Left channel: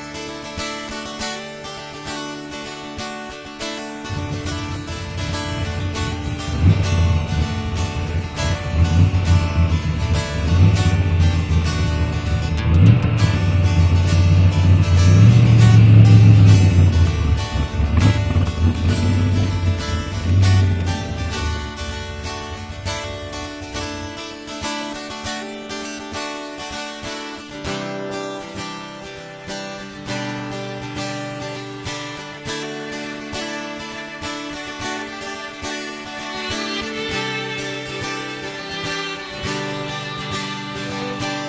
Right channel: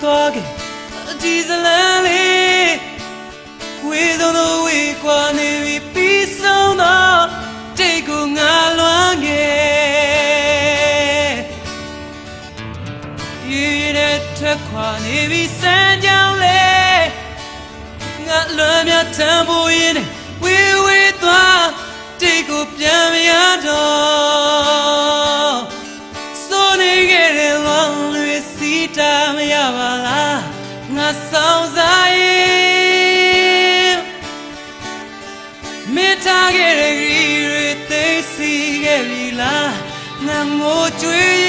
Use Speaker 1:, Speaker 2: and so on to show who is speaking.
Speaker 1: Goggin. 我追